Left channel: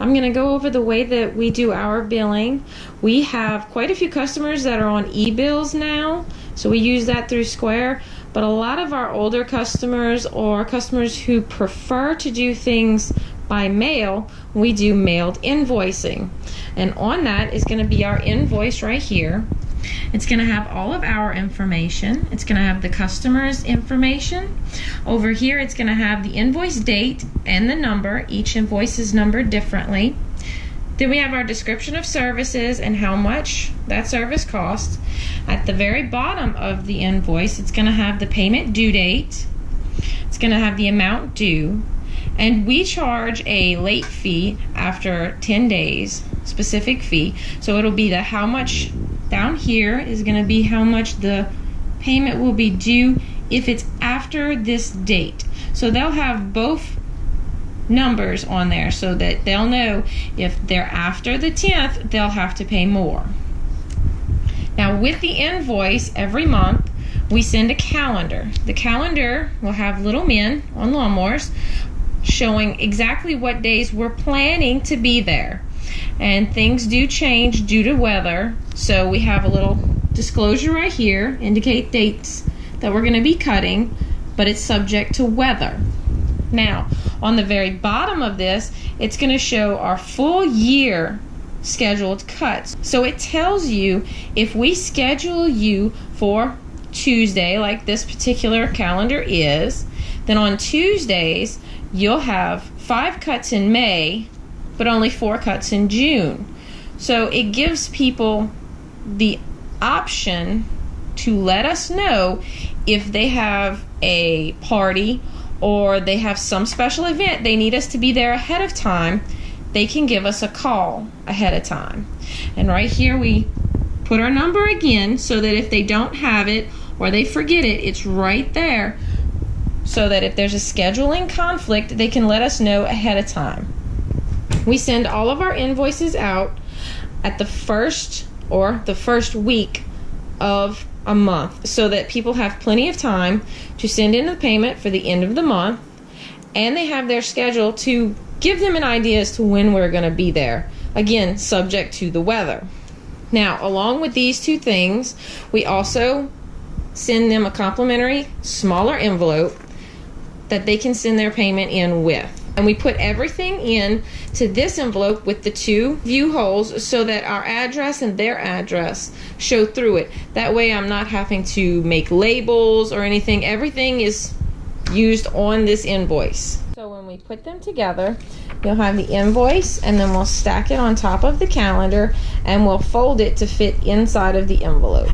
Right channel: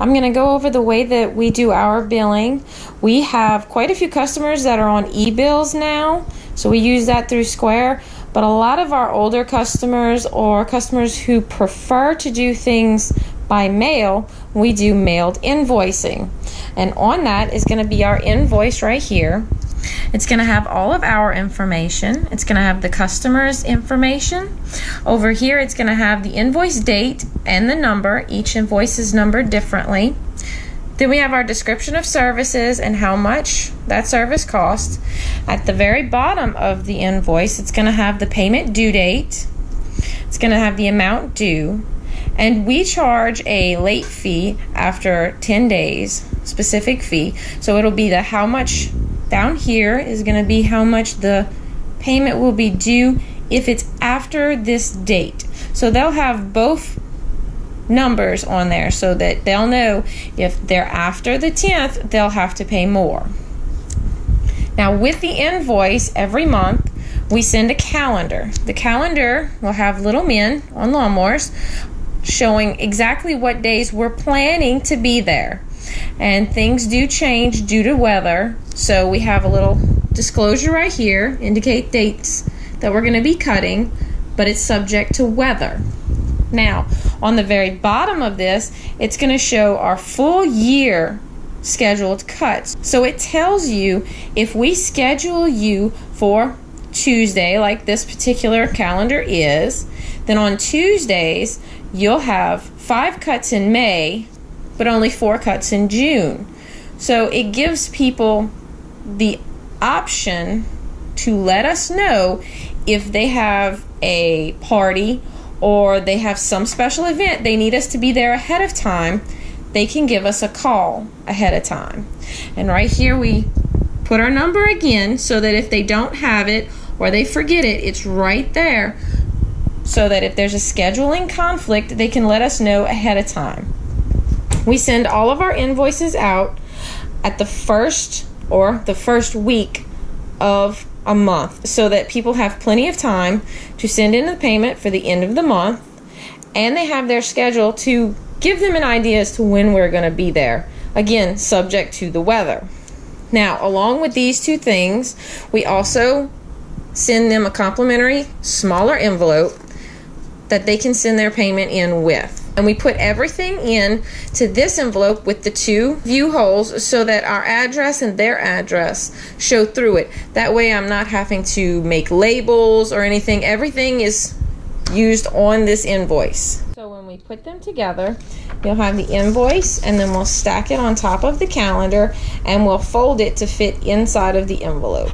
I'm going to go over the way that we do our billing. We have quite a few customers that are on e-bills now, so we use that through Square. But a lot of our older customers or customers who prefer to do things by mail, we do mailed invoicing. And on that is going to be our invoice right here. It's going to have all of our information. It's going to have the customer's information. Over here, it's going to have the invoice date and the number. Each invoice is numbered differently. Then we have our description of services and how much that service costs. At the very bottom of the invoice, it's going to have the payment due date. It's going to have the amount due. And we charge a late fee after 10 days, specific fee. So it'll be the how much. Down here is going to be how much the payment will be due if it's after this date. So they'll have both numbers on there so that they'll know if they're after the 10th, they'll have to pay more. Now with the invoice, every month we send a calendar. The calendar will have little men on lawnmowers showing exactly what days we're planning to be there. And things do change due to weather, so we have a little disclosure right here, indicate dates that we're going to be cutting, but it's subject to weather. Now, on the very bottom of this, it's going to show our full year scheduled cuts. So it tells you if we schedule you for Tuesday, like this particular calendar is, then on Tuesdays, you'll have 5 cuts in May, but only 4 cuts in June. So it gives people the option to let us know if they have a party or they have some special event they need us to be there ahead of time. They can give us a call ahead of time. And right here we put our number again so that if they don't have it or they forget it, it's right there so that if there's a scheduling conflict, they can let us know ahead of time. We send all of our invoices out at the first week of a month so that people have plenty of time to send in the payment for the end of the month, and they have their schedule to give them an idea as to when we're going to be there. Again, subject to the weather. Now, along with these two things, we also send them a complimentary smaller envelope that they can send their payment in with. And we put everything in to this envelope with the 2 view holes so that our address and their address show through it. That way I'm not having to make labels or anything. Everything is used on this invoice. So when we put them together, you'll have the invoice and then we'll stack it on top of the calendar and we'll fold it to fit inside of the envelope.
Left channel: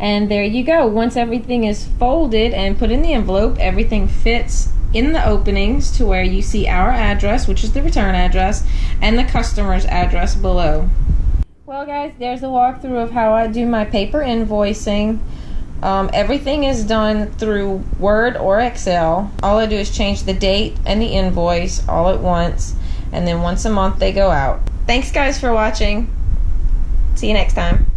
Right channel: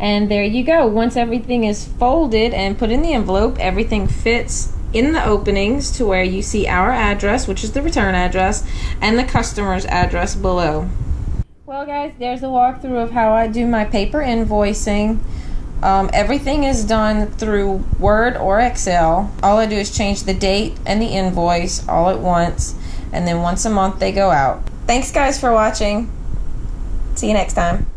And there you go. Once everything is folded and put in the envelope, everything fits in the openings to where you see our address, which is the return address, and the customer's address below. Well guys, there's a walkthrough of how I do my paper invoicing. Everything is done through Word or Excel. All I do is change the date and the invoice all at once, and then once a month they go out. Thanks guys for watching. See you next time.